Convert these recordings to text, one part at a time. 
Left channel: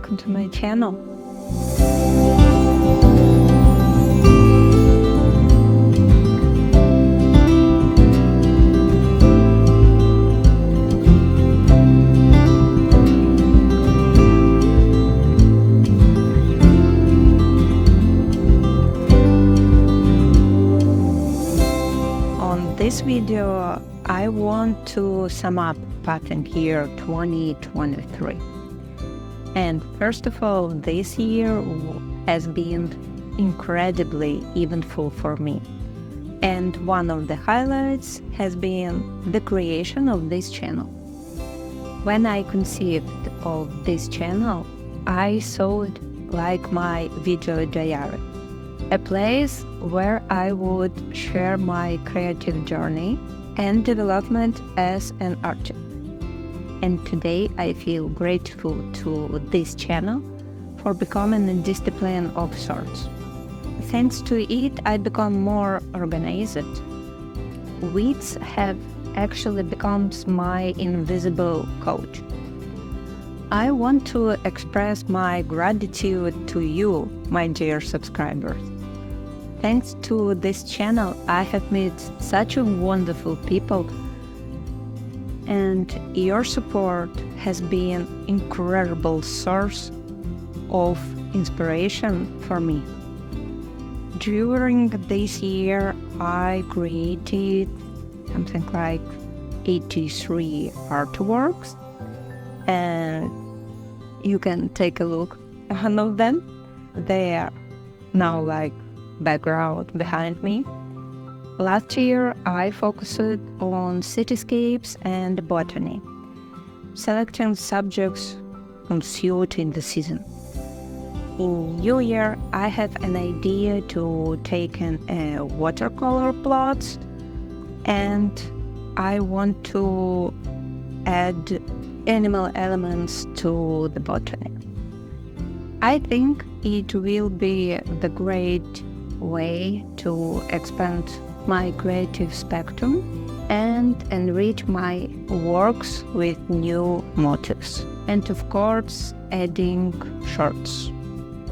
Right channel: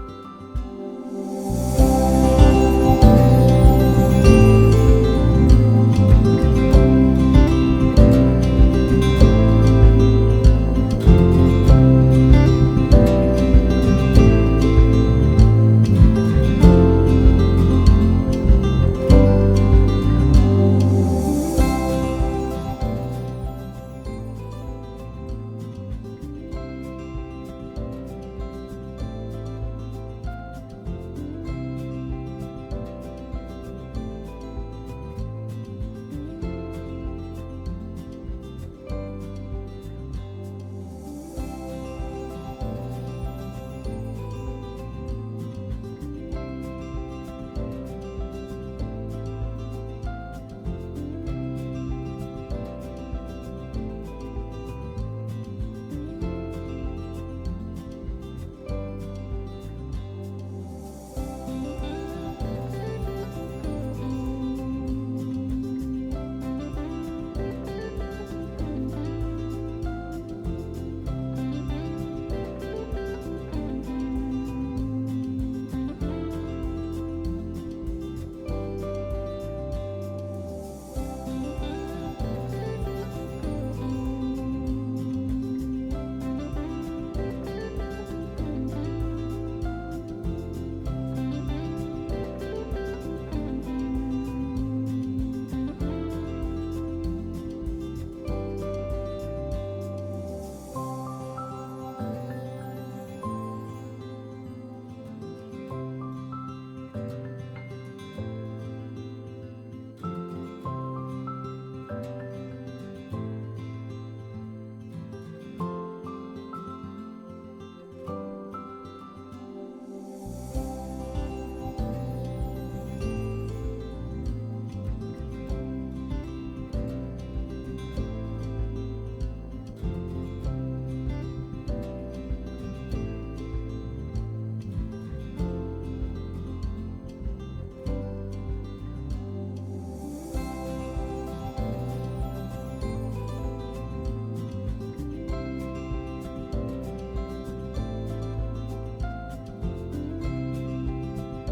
welcome to my channel. On this video, I want to sum up pattern year 2023. And first of all, this year has been incredibly eventful for me. And one of the highlights has been the creation of this channel. When I conceived of this channel, I saw it like my video diary, a place where I would share my creative journey and development as an artist. And today I feel grateful to this channel for becoming a discipline of sorts. Thanks to it, I become more organized. Weeks have actually become my invisible coach. I want to express my gratitude to you, my dear subscribers. Thanks to this channel, I have met such wonderful people, and your support has been an incredible source of inspiration for me. During this year, I created something like 83 artworks, and you can take a look at one of them. They are now like background behind me. Last year, I focused on cityscapes and botany, selecting subjects suiting the season. In New Year, I have an idea to take a watercolor plots, and I want to add animal elements to the botany. I think it will be the great way to expand my creative spectrum and enrich my works with new motifs. And of course, adding shorts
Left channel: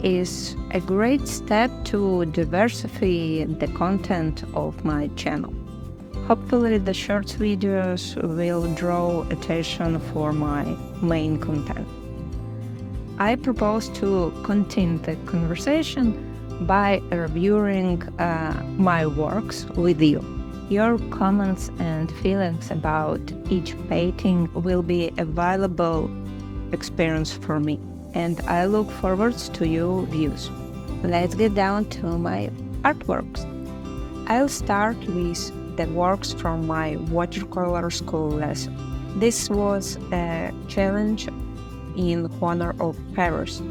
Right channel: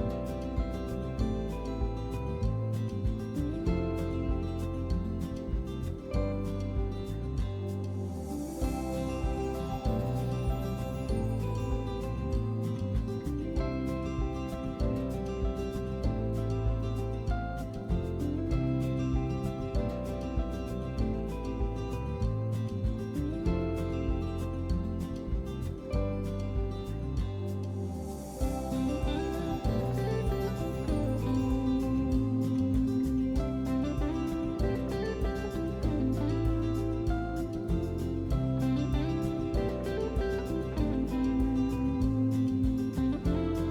is a great step to diversify the content of my channel. Hopefully the shorts videos will draw attention for my main content. I propose to continue the conversation by reviewing my works with you. Your comments and feelings about each painting will be a valuable experience for me, and I look forward to your views. Let's get down to my artworks. I'll start with the works from my watercolor school lesson. This was a challenge in the corner of Paris.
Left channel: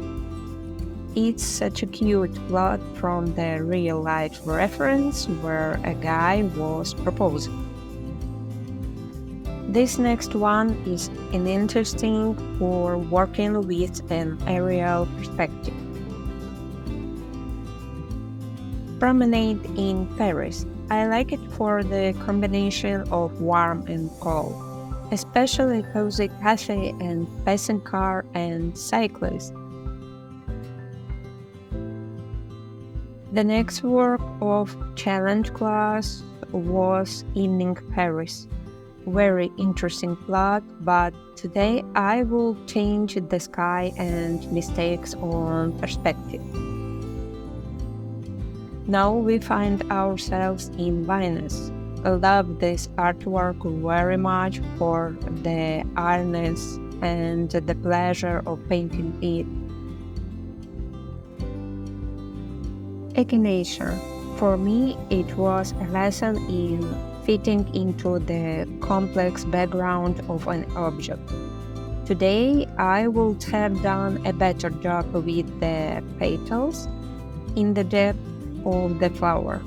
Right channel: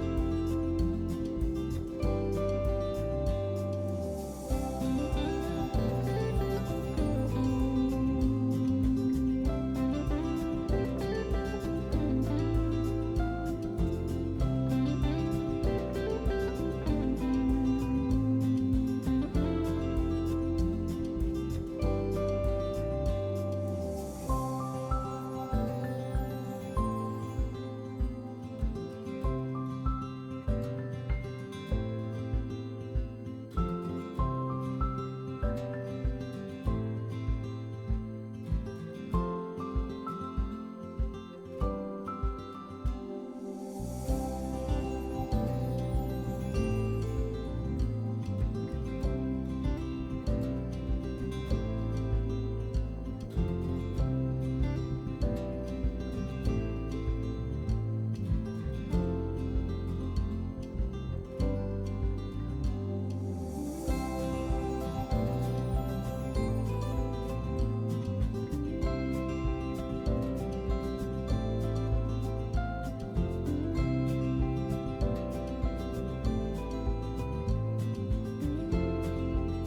It's such a cute plot from the real-life reference where a guy was proposing. This next one is an interesting for working with an aerial perspective. Promenade in Paris. I like it for the combination of warm and cold, especially cozy cafe and passing car and cyclists. The next work of challenge class was Evening Paris. Very interesting plot, but today I will change the sky and mistakes on perspective. Now we find ourselves in Venice. I love this artwork very much for the ironess and the pleasure of painting it. Echinacea. For me, it was a lesson in fitting into the complex background of an object. Today, I would have done a better job with the petals in the depth of the flower.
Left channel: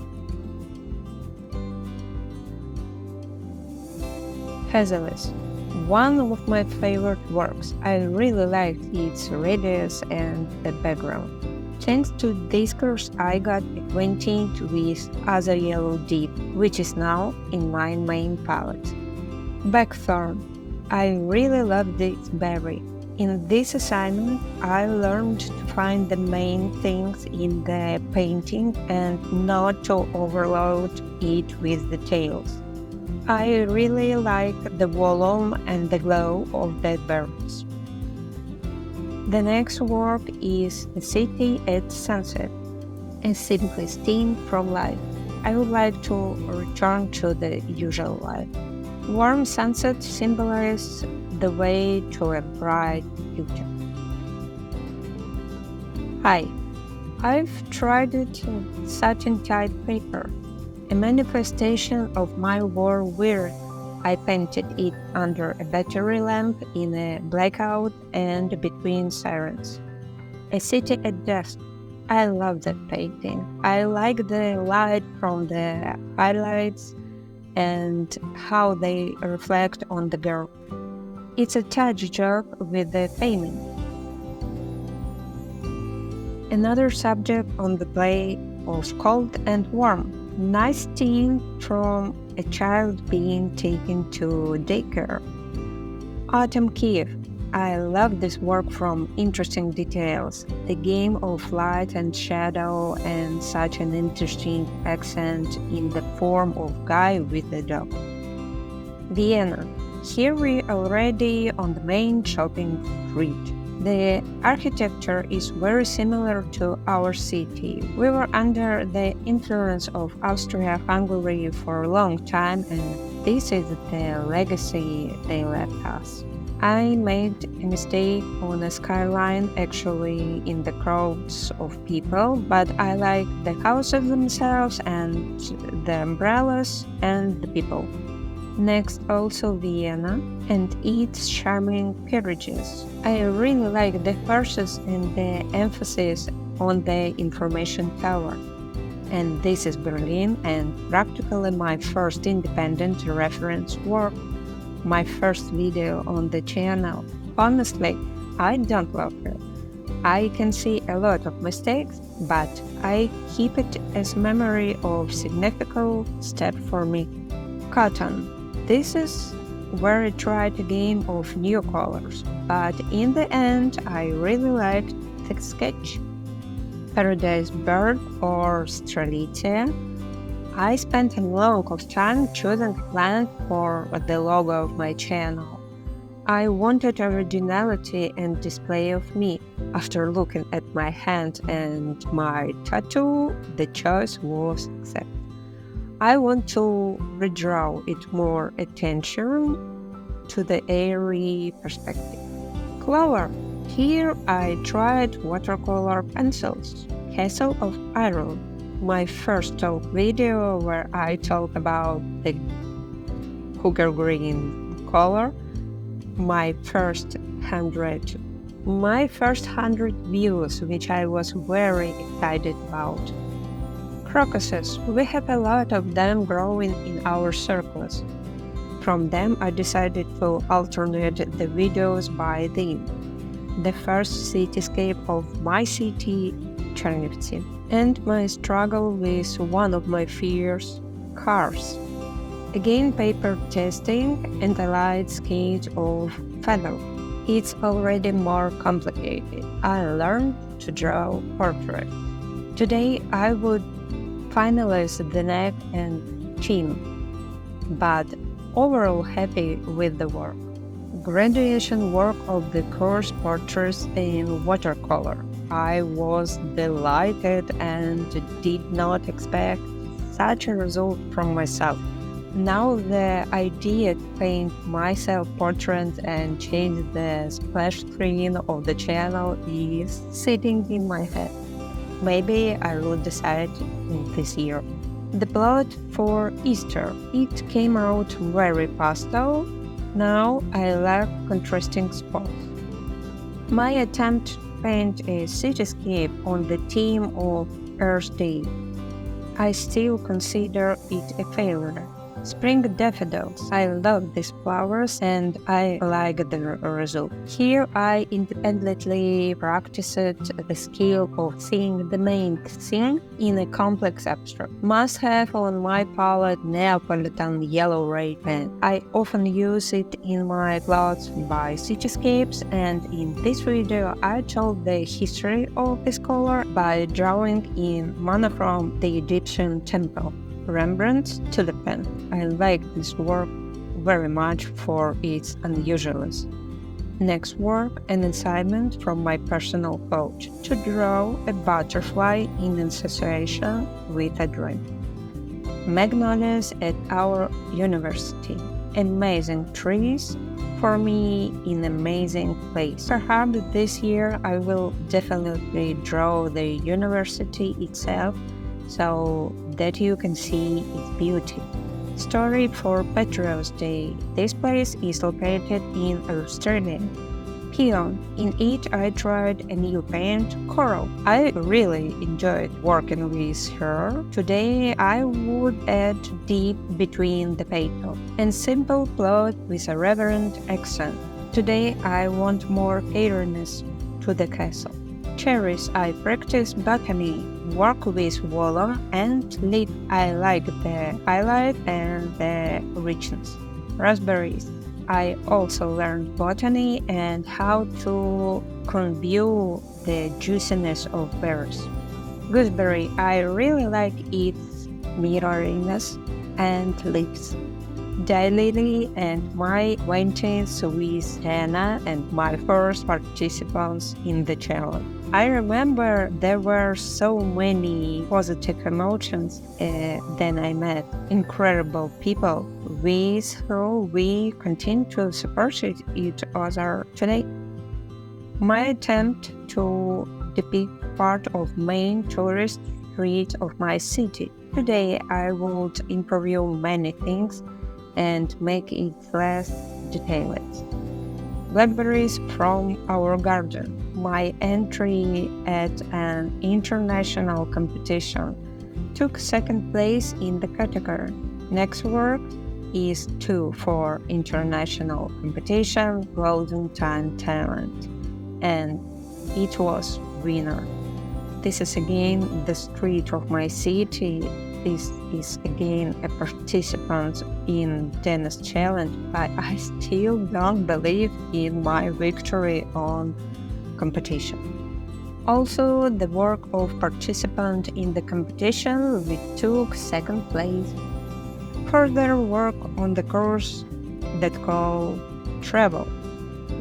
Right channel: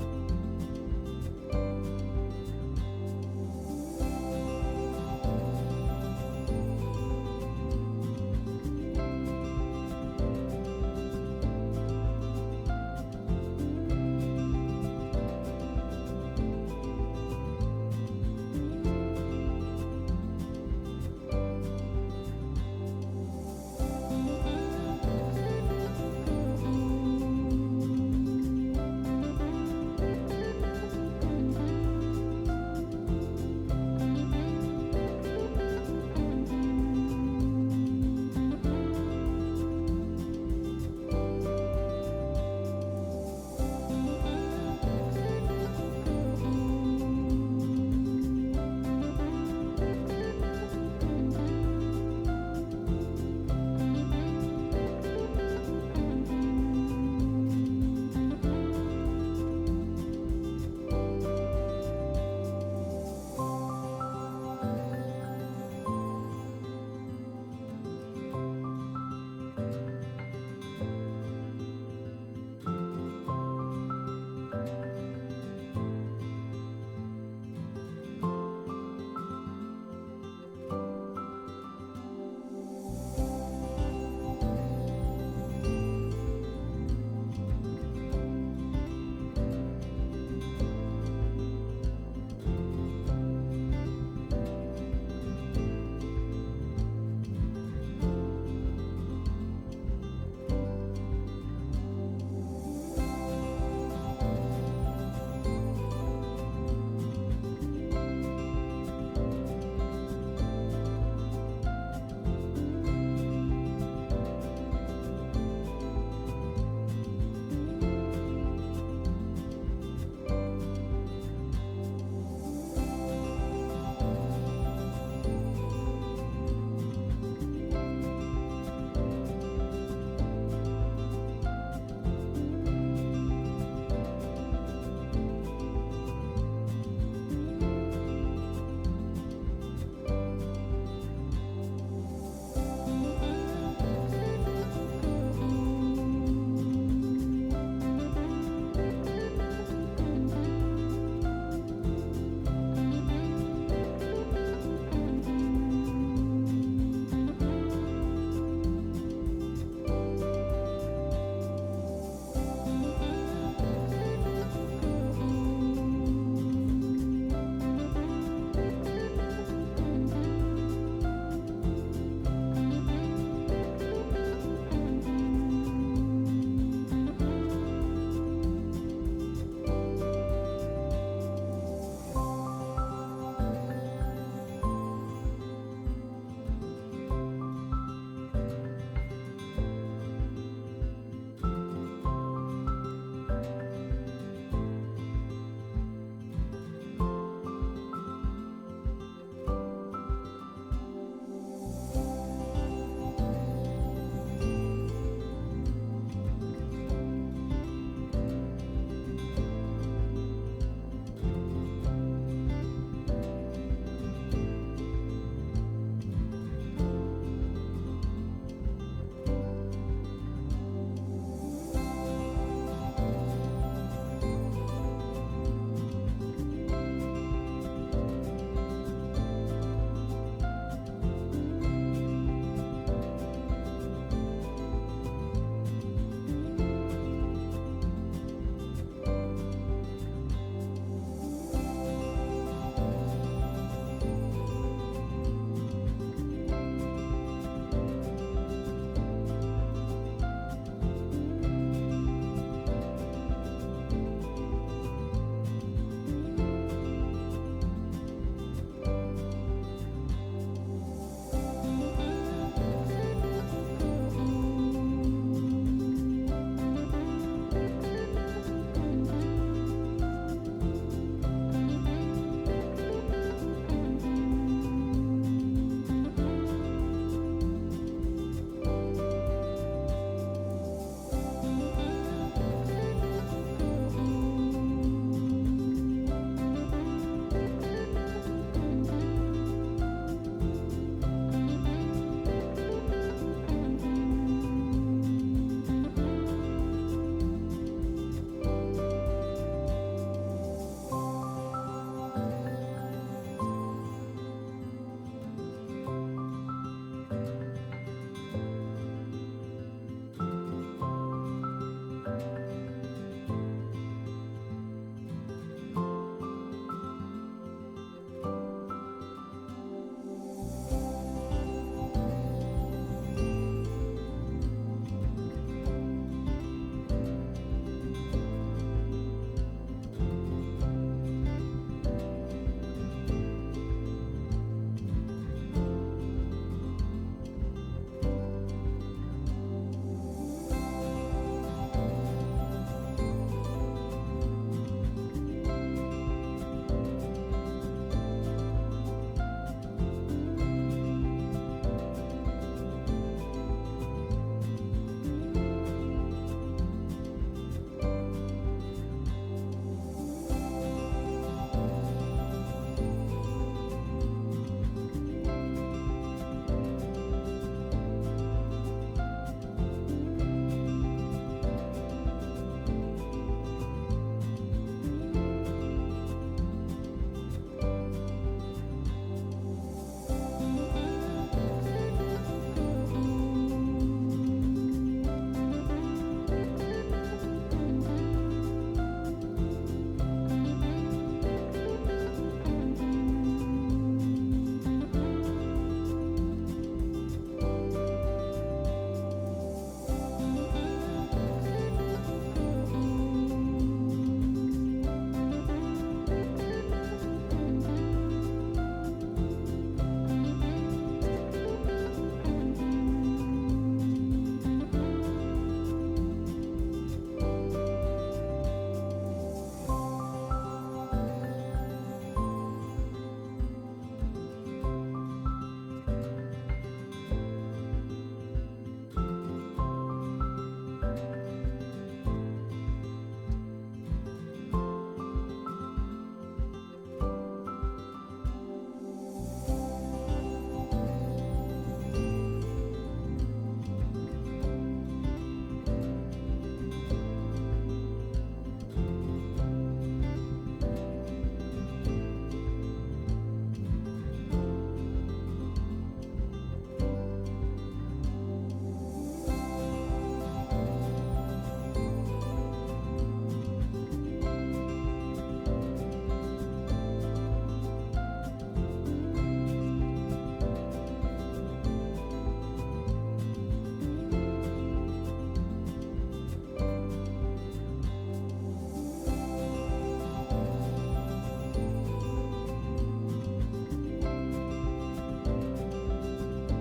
Hazelnut. One of my favorite works. I really liked its radius and the background. Thanks to this course, I got acquainted with Other Yellow Deep, which is now in my main palette. Blackthorn. I really love this berry. In this assignment, I learned to find the main things in the painting and not to overload it with details. I really like the volume and the glow of the birds. The next work is The City at Sunset, a simple scene from life. I would like to return to the usual life. Warm sunset symbolizes the way to a bright future. Hi, I've tried satin type paper, a manifestation of my war weary. I painted it under a battery lamp in a blackout and between sirens. A city at dusk. I love that painting. I like the light from the highlights and how they reflect on the girl. It's a touch job with the painting. Another subject on the play was cold and warm. Nice scene from a child being taken to daycare. Autumn Kiev. I love this work from interesting details, the game of light and shadow, and such an interesting accent in the form of guy with a dog. Vienna. Here we already on the main shopping street. The architecture is very similar to our city. We were under the influence of Austria-Hungary for a long time, and this is the legacy they left us. I made a mistake on a skyline, actually in the crowds of people, but I like the houses themselves and the umbrellas and the people. Next, also Vienna and its charming carriages. I really like the horses and the emphasis on the information tower. And this is Berlin and practically my first independent reference work. My first video on the channel. Honestly, I don't love it. I can see a lot of mistakes, but I keep it as memory of significant step for me. Cotton. This is where I tried a game of new colors, but in the end I really liked the sketch. Paradise Bird or Strelitzia. I spent a long time choosing a plant for the logo of my channel. I wanted originality and display of me. After looking at my hand and my tattoo, the choice was accepted. I want to redraw it more attention to the airy perspective. Clover. Here I tried watercolor pencils. Castle of Iron. My first talk video where I talk about the sugar green color. My first 100 views, which I was very excited about. Crocuses. We have a lot of them growing in our circles. From them I decided to alternate the videos by theme. The first cityscape of my city, Chernivtsi, and my struggle with one of my fears, cars. Again paper testing and a light sketch of feather. It's already more complicated. I learned to draw portrait. Today I would finalize the neck and chin, but overall happy with the work. Graduation work of the course portraits in watercolor. I was delighted and did not expect such a result from myself. Now the idea to paint my self-portrait and change the splash screen of the channel is sitting in my head. Maybe I will decide this year. The plot for Easter. It came out very pastel. Now I like contrasting spots. My attempt to paint a cityscape on the theme of Earth Day. I still consider it a failure. Spring daffodils. I love these flowers and I like the result. Here I independently practiced the skill of seeing the main thing in a complex abstract. Must have on my palette Neapolitan yellow red pen. I often use it in my plots by cityscapes, and in this video I told the history of this color by drawing in monochrome the Egyptian temple. Rembrandt to the pen. I like this work very much for its unusualness. Next work, an assignment from my personal coach to draw a butterfly in association with a dream. Magnolias at our university. Amazing trees for me in amazing place. Perhaps this year I will definitely draw the university itself so that you can see its beauty. Story for Patriots Day. This place is located in Australia. Peon. In it I tried a new paint, coral. I really enjoyed working with her. Today I would add deep between the petal and simple plot with a reverent accent. Today I want more airiness to the castle. Cherries. I practice botany. Work with water and leaf. I like the highlight and the richness. Raspberries. I also learned botany and how to convey the juiciness of berries. Gooseberry. I really like its mirroriness and leaves. Daylily and my acquaintance with Hannah and my first participants in the challenge. I remember there were so many positive emotions. Then I met incredible people with whom we continue to support each other today. My attempt to depict part of main tourist street of my city. Today I would improve many things and make it less detailed. Blackberries from our garden. My entry at an international competition took second place in the category. Next work is 2 for international competition Golden Time Talent, and it was winner. This is again the street of my city. This is again a participant in Dennis Challenge, but I still don't believe in my victory on competition. Also, the work of participant in the competition, we took second place. Further work on the course that called Travel.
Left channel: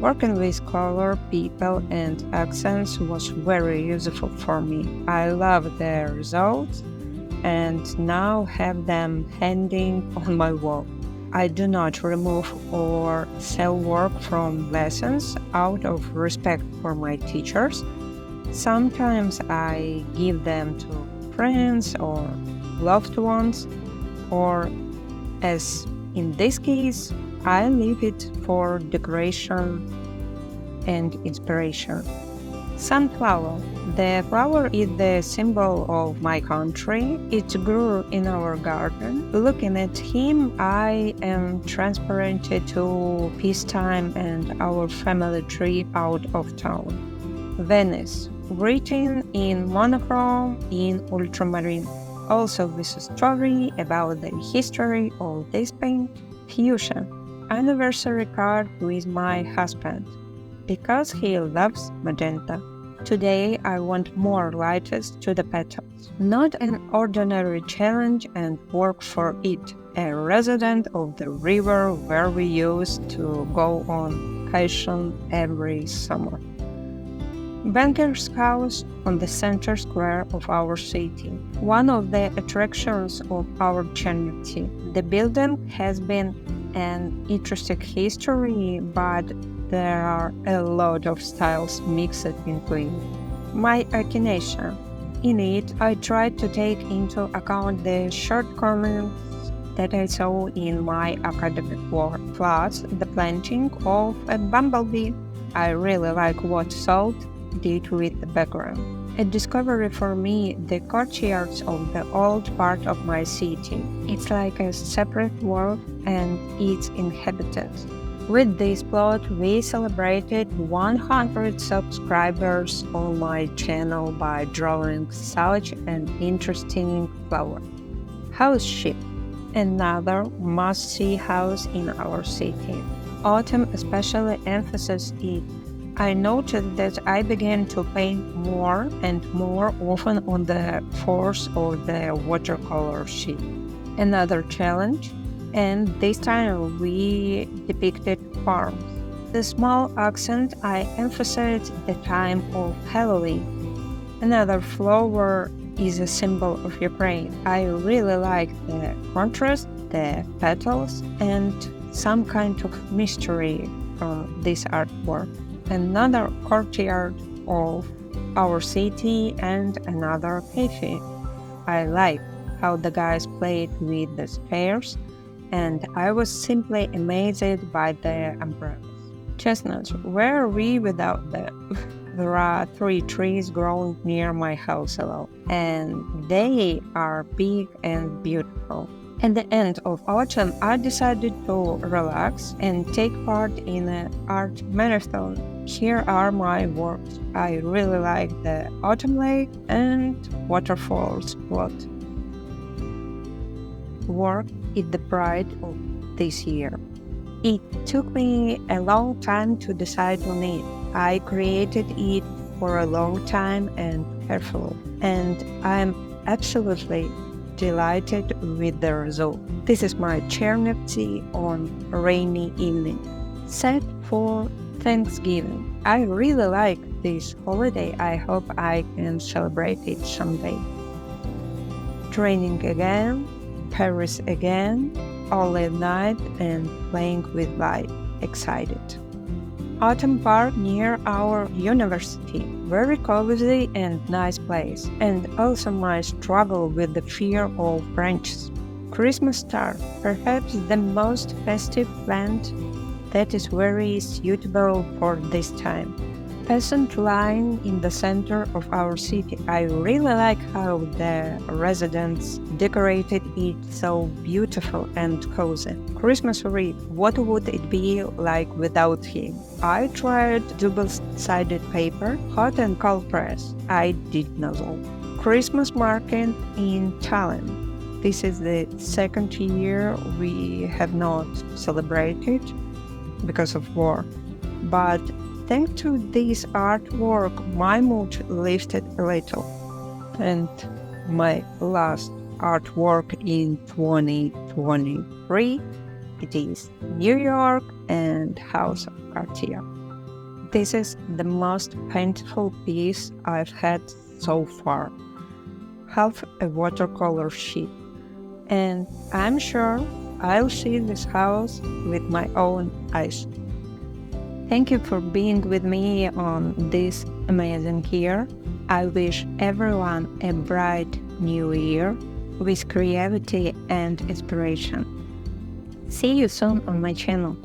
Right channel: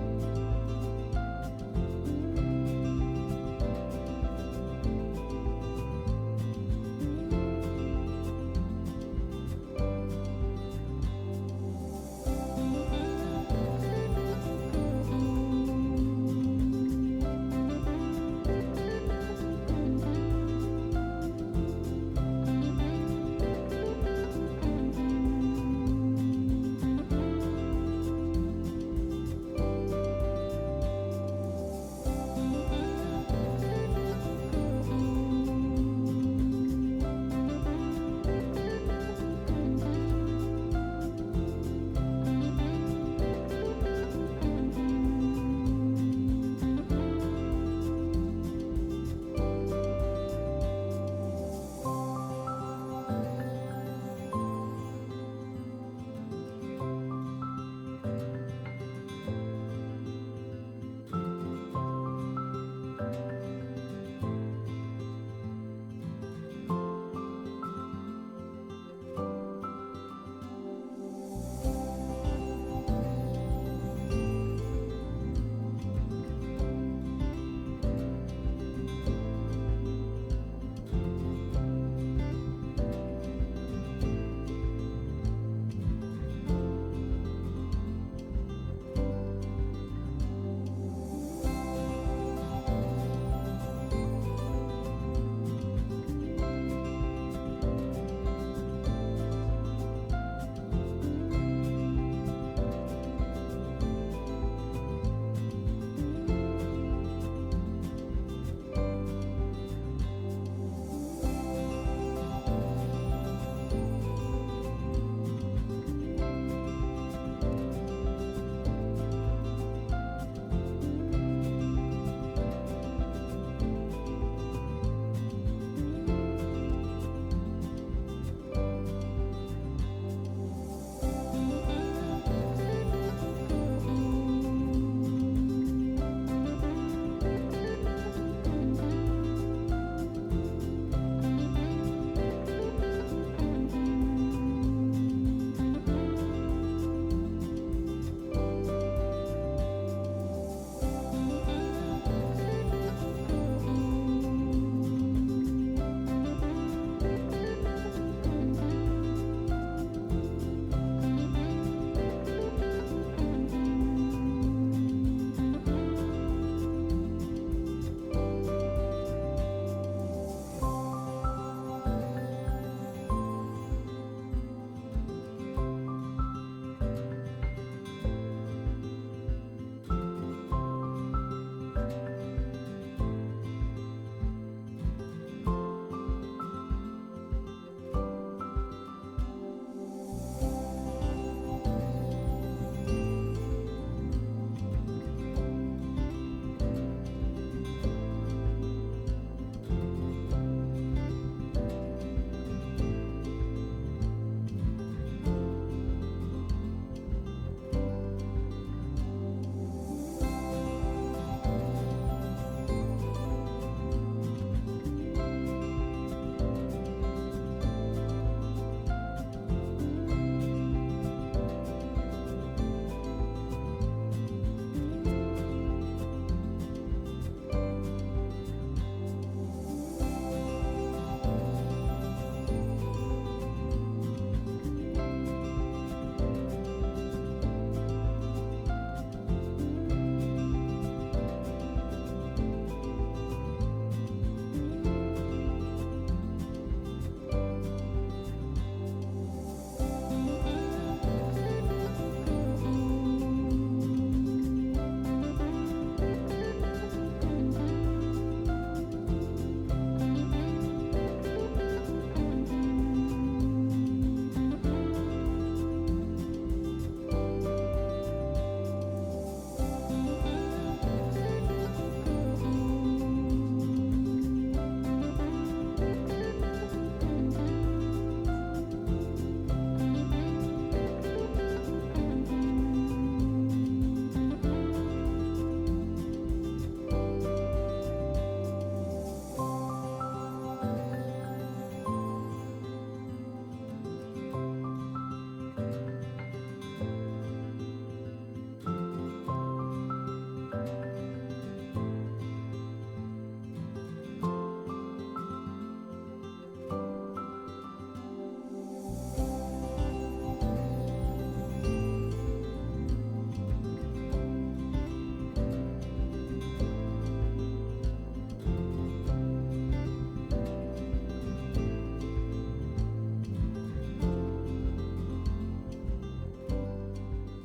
Working with color, people, and accents was very useful for me. I love the results and now have them hanging on my wall. I do not remove or sell work from lessons out of respect for my teachers. Sometimes I give them to friends or loved ones, or as in this case, I leave it for decoration and inspiration. Sunflower. The flower is the symbol of my country. It grew in our garden. Looking at him, I am transported to peacetime and our family trip out of town. Venice. Written in monochrome in ultramarine. Also with a story about the history of this paint. Fuchsia. Anniversary card with my husband, because he loves magenta. Today I want more lightest to the petals. Not an ordinary challenge and work for it. A resident of the river where we used to go on vacation every summer. Banker's house on the center square of our city. One of the attractions of our community. The building has been an interesting history, but there are a lot of styles mixed between. My inclination. In it, I tried to take into account the shortcomings that I saw in my academic work, plus the planting of a bumblebee. I really like what Salt did with the background. A discovery for me, the courtyards of the old part of my city. It's like a separate world and its inhabitants. With this plot, we celebrated 100 subscribers on my channel by drawing such an interesting flower. House ship, another must-see house in our city. Autumn especially emphasizes it. I noted that I began to paint more and more often on the force of the watercolor sheet. Another challenge, and this time we depicted farms. The small accent I emphasized the time of Halloween. Another flower is a symbol of Ukraine. I really like the contrast, the petals, and some kind of mystery from this artwork. Another courtyard of our city and another cafe. I like how the guys played with the spares, and I was simply amazed by the umbrellas. Chestnuts, where are we without them? There are 3 trees growing near my house alone, and they are big and beautiful. At the end of autumn, I decided to relax and take part in an art marathon. Here are my works. I really like the autumn lake and waterfalls plot. Work is the pride of this year. It took me a long time to decide on it. I created it for a long time and carefully, and I'm absolutely delighted with the result. This is my Chernobyl on a rainy evening, set for Thanksgiving. I really like this holiday. I hope I can celebrate it someday. Training again, Paris again, all at night and playing with light. Excited. Autumn park near our university. Very cozy and nice place. And also my struggle with the fear of branches. Christmas star, perhaps the most festive plant that is very suitable for this time. Peasant line in the center of our city. I really like how the residents decorated it so beautiful and cozy. Christmas wreath, what would it be like without him? I tried double-sided paper, hot and cold press. I did not know. Christmas market in Tallinn. This is the second year we have not celebrated because of war. But thanks to this artwork, my mood lifted a little. And my last artwork in 2023, it is New York and House of Cartier. This is the most painful piece I've had so far. Half a watercolor sheet. And I'm sure I'll see this house with my own eyes. Thank you for being with me on this amazing year. I wish everyone a bright new year with creativity and inspiration. See you soon on my channel.